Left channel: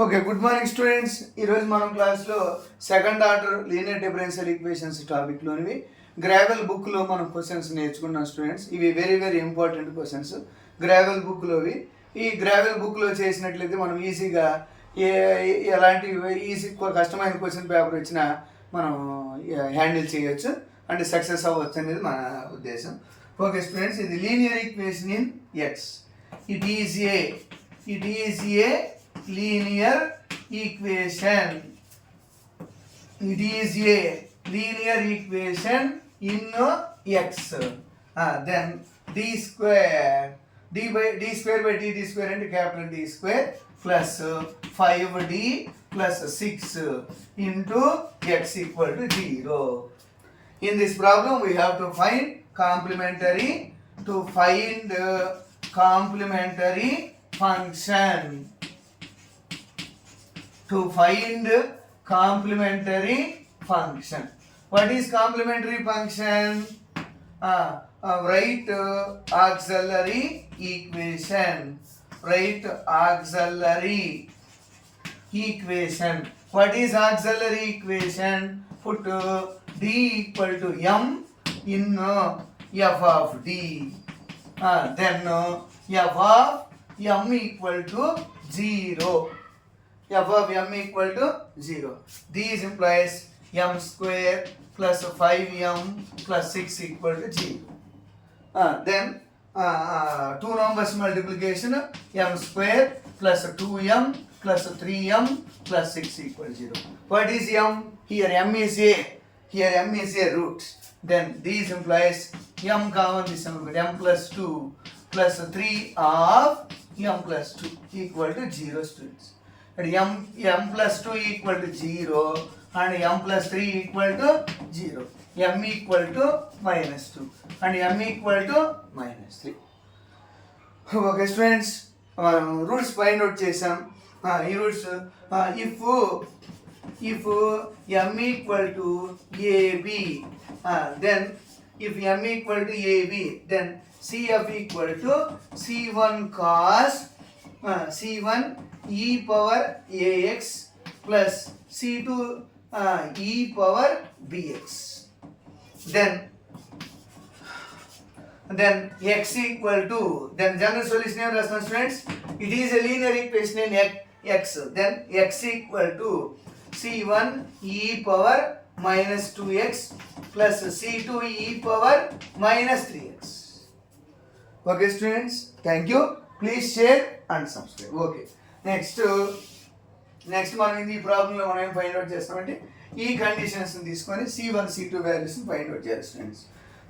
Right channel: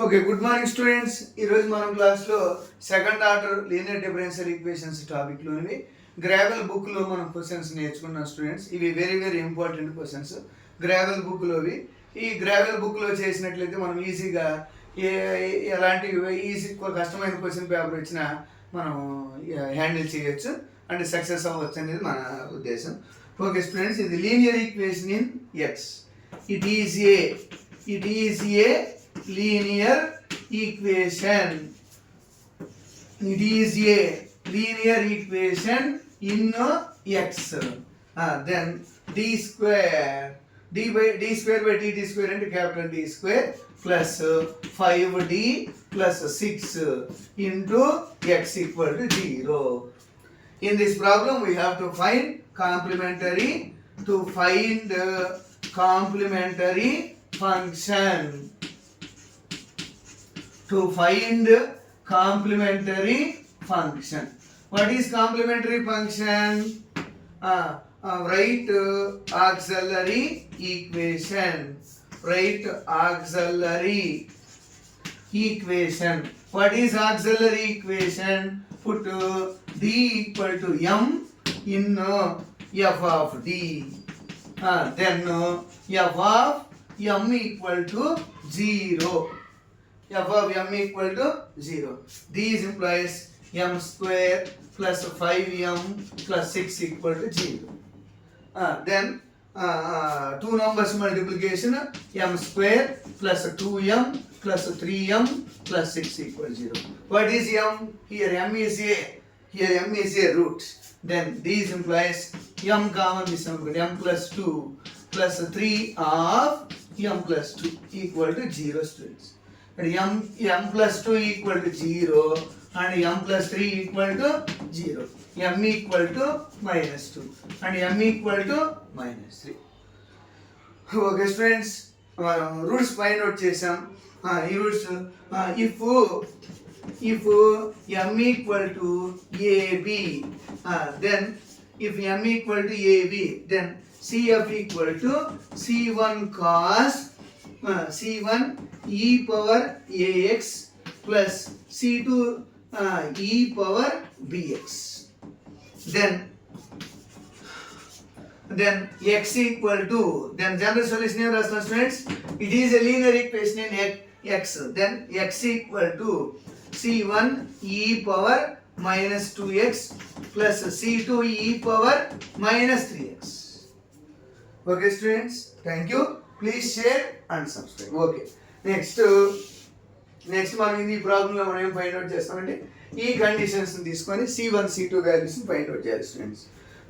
Okay, good morning students. ఈరోజు మనం క్లాస్లో second order linear differential equations టాపిక్లోనివి గ్రావెల్ బుక్లో మనం క్వశ్చన్స్ నేర్చుకున్నాం స్టూడెంట్స్. ఇవి very very important questions Grewal బుక్లోవి. ఈ గ్రావెల్ బుక్లో చేసినట్లయితే మనం ఈజీగా ఎలాంటి ఈజీ కష్టమైన క్వశ్చన్ పేపర్ వచ్చినా మనం హ్యాండిల్ చేయొచ్చు అంటే సక్సెస్ అవ్వచ్చు అనేది మన ఉద్దేశం. ఓకే స్టూడెంట్స్, ఇది linear equation in X. It is a linear equation. It is a linear equation in x. Then d square by dt square into capital D square plus 5d plus 6 into x equal to 0. In this problem we have to find complementary function. To find complementary function. What is complementary function? Right auxiliary equation. Right auxiliary equation. What is auxiliary equation? Put d equal to m in f of d. Then f of m equal to 0. F of m equal to 0. These implies m square plus 5m plus 6 equal to 0. Then two numbers multiplication, m square plus 2m plus 3m plus 6 equal to 0. What is m? Here m is a root. Then these implies m common this m plus 2 plus 3 of m plus 2 equal to 0 students. m plus 2 equal to 0 and m plus 3 equal to 0. m equal to minus 2 and m equal to minus 3. Okay students, roots find out chesam. Roots if m equal to ab, then if m equal to ab, then cf equal to c1 cos c1 e power ax plus c2 e power bx. Then x equal to, then general solution of the students, it is a linear equation in x. Then x equal to c1 e power minus 2x plus c2 e power minus 3x. Okay students, thank you. Please share and subscribe. Okay. Next మనం ఈ ప్రాబ్లంలో మనం ఏం find out చేస్తామంటే ఈ కండిషన్స్ తీసుకొని c1 c2 values find out చేయాలి students.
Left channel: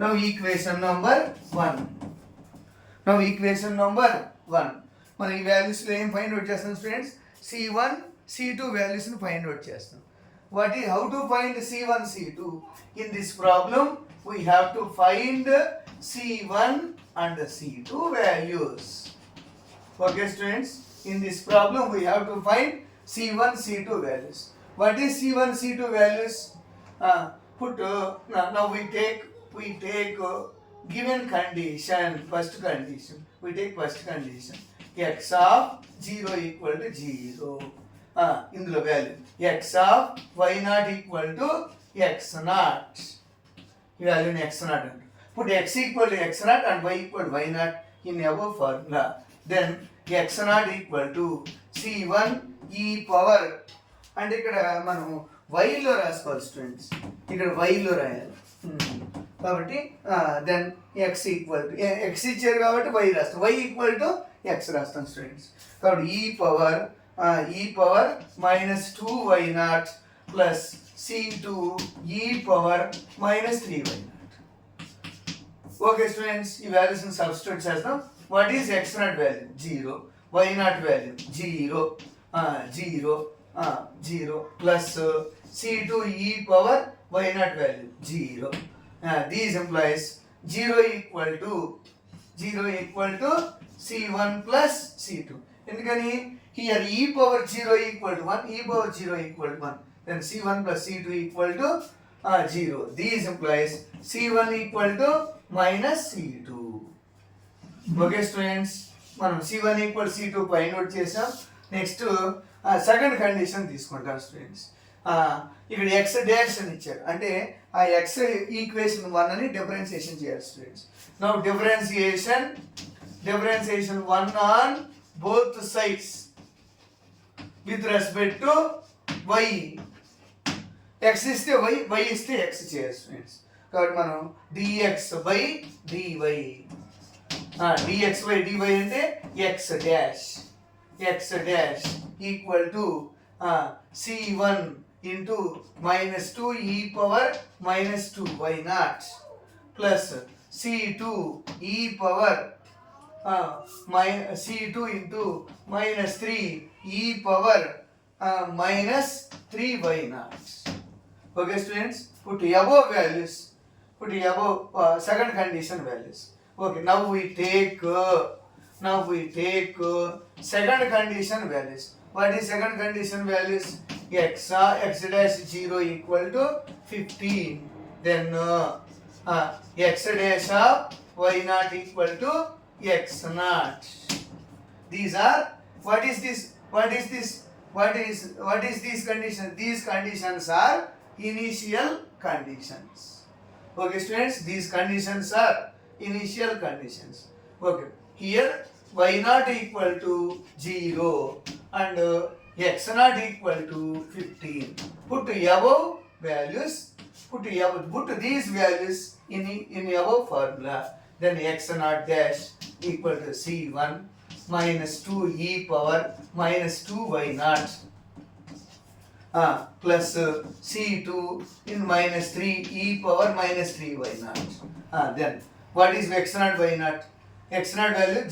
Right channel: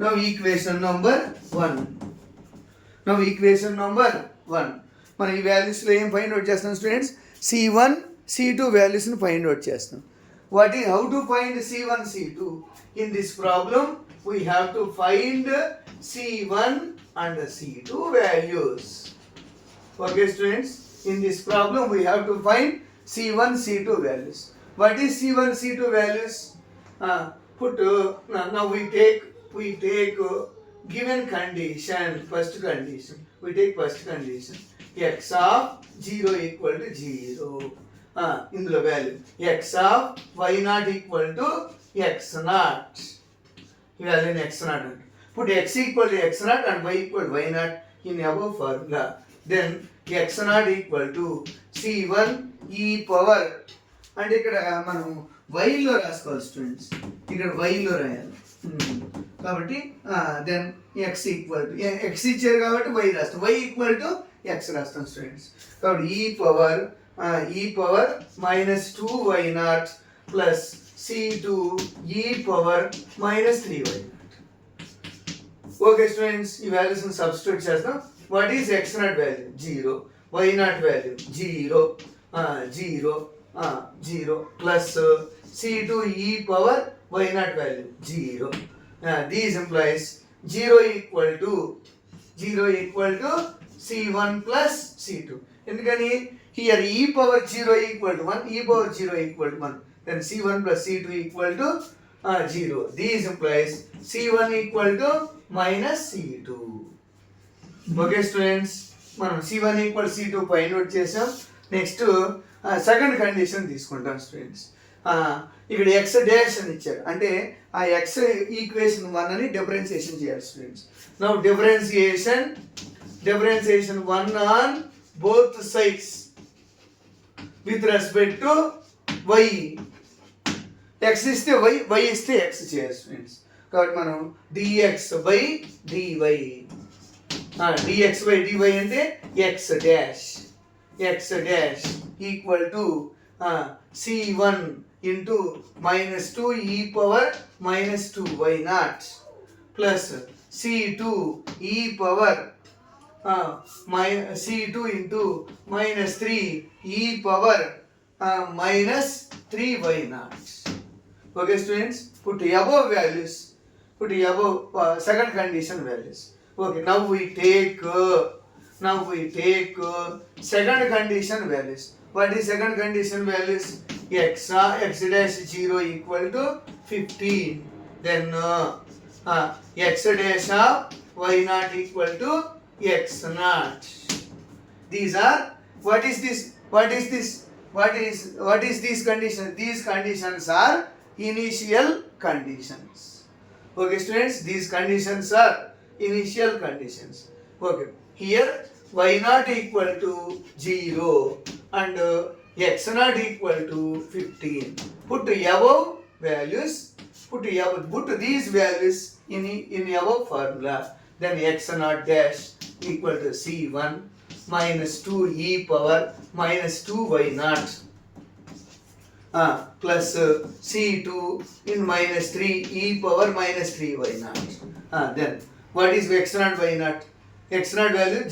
Now equation number 1 మనం ఈ వాల్యూస్లో ఏం ఫైండ్ అవుట్ చేస్తాం స్టూడెంట్స్? c1 c2 వాల్యూస్ని ఫైండ్ అవుట్ చేస్తాం. How to find c1 c2? In this problem we have to find c1 and c2 values. Okay students, in this problem we have to find c1 c2 values. What is c1 c2 values? Now we take given condition. First condition, we take first condition, x of 0 equal to 0. Indulo value x of y naught equal to x naught. ఈ value x naught. Put x equal to x naught and y equal to y naught in above formula. Then x naught equal to c1 e power, అంటే ఇక్కడ మనం వైలో రాసుకోవాలి స్టూడెంట్స్, ఇక్కడ వైలో రాయాలి కాబట్టి then x equal to x ఇచ్చారు కాబట్టి వై రాస్తాం, వై ఈక్వల్ టు ఎక్స్ రాస్తాం స్టూడెంట్స్. కాబట్టి ఈ power minus 2y naught plus c2 e power minus 3y naught. Okay students, ఈ వాల్యూస్ని సబ్స్టిట్యూట్ చేస్తాం. What is x naught value? 0. Y naught value 0 plus c2 e power y naught value 0. These implies 0 equal to c1 plus c2. ఎందుకని here e power 0 equal to 1, then c1 plus c2 equal to 0. These implies c1 equal to minus c2. Okay students, మనం c1 equal c2 find out చేసాం. Next second condition తీసుకుంటాం స్టూడెంట్స్. ఇక్కడ X dash అని ఇచ్చారు, అంటే ఆ X equation 1 అని differentiation చేయాలి students. Now differentiation 1 on both sides with respect to y. X ఇస్తే వై, వై ఇస్తే ఎక్స్ చేయాలి స్టూడెంట్స్. కాబట్టి మనం dx by dy, dx by dy అంటే x dash equal to C1 into -2 e power -2y naught plus C2 e power C2 into -3 e power -3y naught. Okay students, put above values, second condition values. Okay, now we take second condition values. What is second condition values? X dash 0 equal to 15. Then x dash of y naught equal to x naught. These are, what is these conditions? These conditions are initial conditions. Okay students, these conditions are initial conditions. Okay, here y naught equal to 0 and x naught equal to 15. Put above values, put these values in above formula. Then x naught dash equal to C1 minus 2 e power minus 2y naught plus C2 in minus 3 e power minus 3y naught. Then what is x naught, y naught? X naught value 0,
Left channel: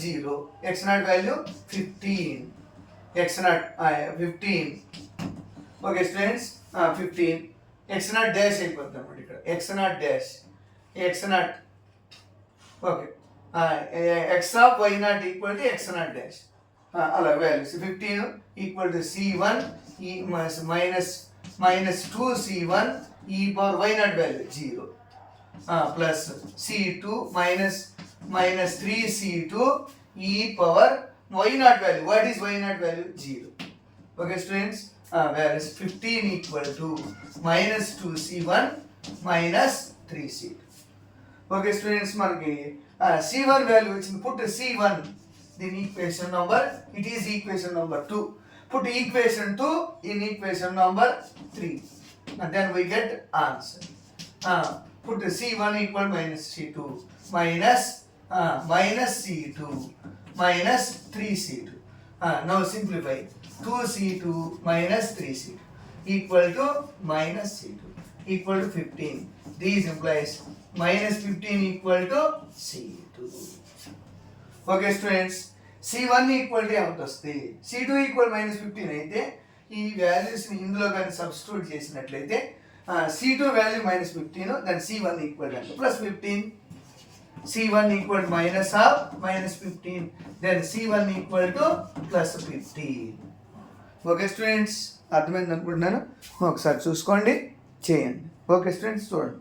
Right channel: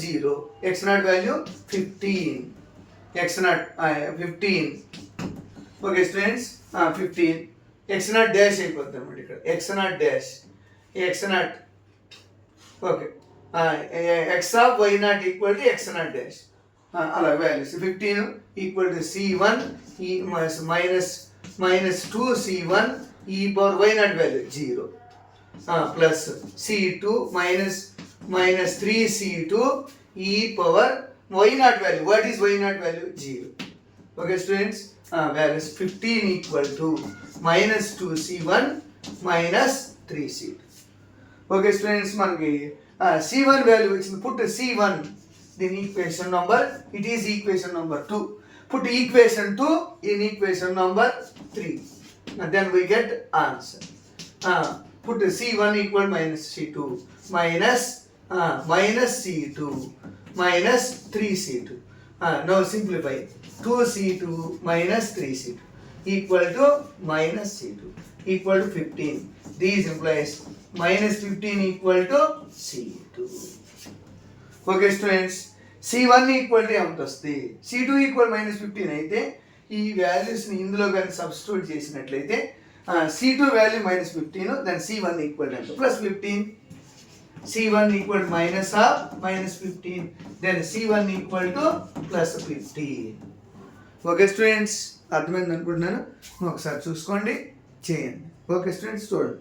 x naught value 15, x naught 15. Okay students, 15 x naught dash అయిపోద్ది అన్నమాట ఇక్కడ. x naught okay, x of y naught equal to x naught dash, అలా values 15 equal to C1 e minus 2 C1 e power y naught value 0 plus C2 minus 3 C2 e power y naught value. What is y naught value? 0. Okay students, values 15 equal to minus 2 C1 minus 3 C2. Okay students, మనకి C1 value వచ్చింది. Put C1 in equation number, it is equation number 2. Put equation 2 in equation number 3 and then we get answer. Put C1 equal minus C2 minus C2 minus 3C2. Now simplify. 2C2 minus 3C2 equal to minus C2 equal to 15. These implies minus 15 equal to C2. Okay students, C1 equal to ఎంత వస్తుంది? C2 equal minus 15 అయితే ఈ వాల్యూస్ని ఇందులో కానీ సబ్స్టిట్యూట్ చేసినట్లయితే C2 value minus 15, then C1 equal to ఎంత? Plus 15. C1 equal to minus of minus 15, then C1 equal to plus 15. Okay students, అర్థమైంది అనుకుంటున్నాను. ఒకసారి చూసుకోండి, చేయండి. ఓకే స్టూడెంట్స్, చూడండి.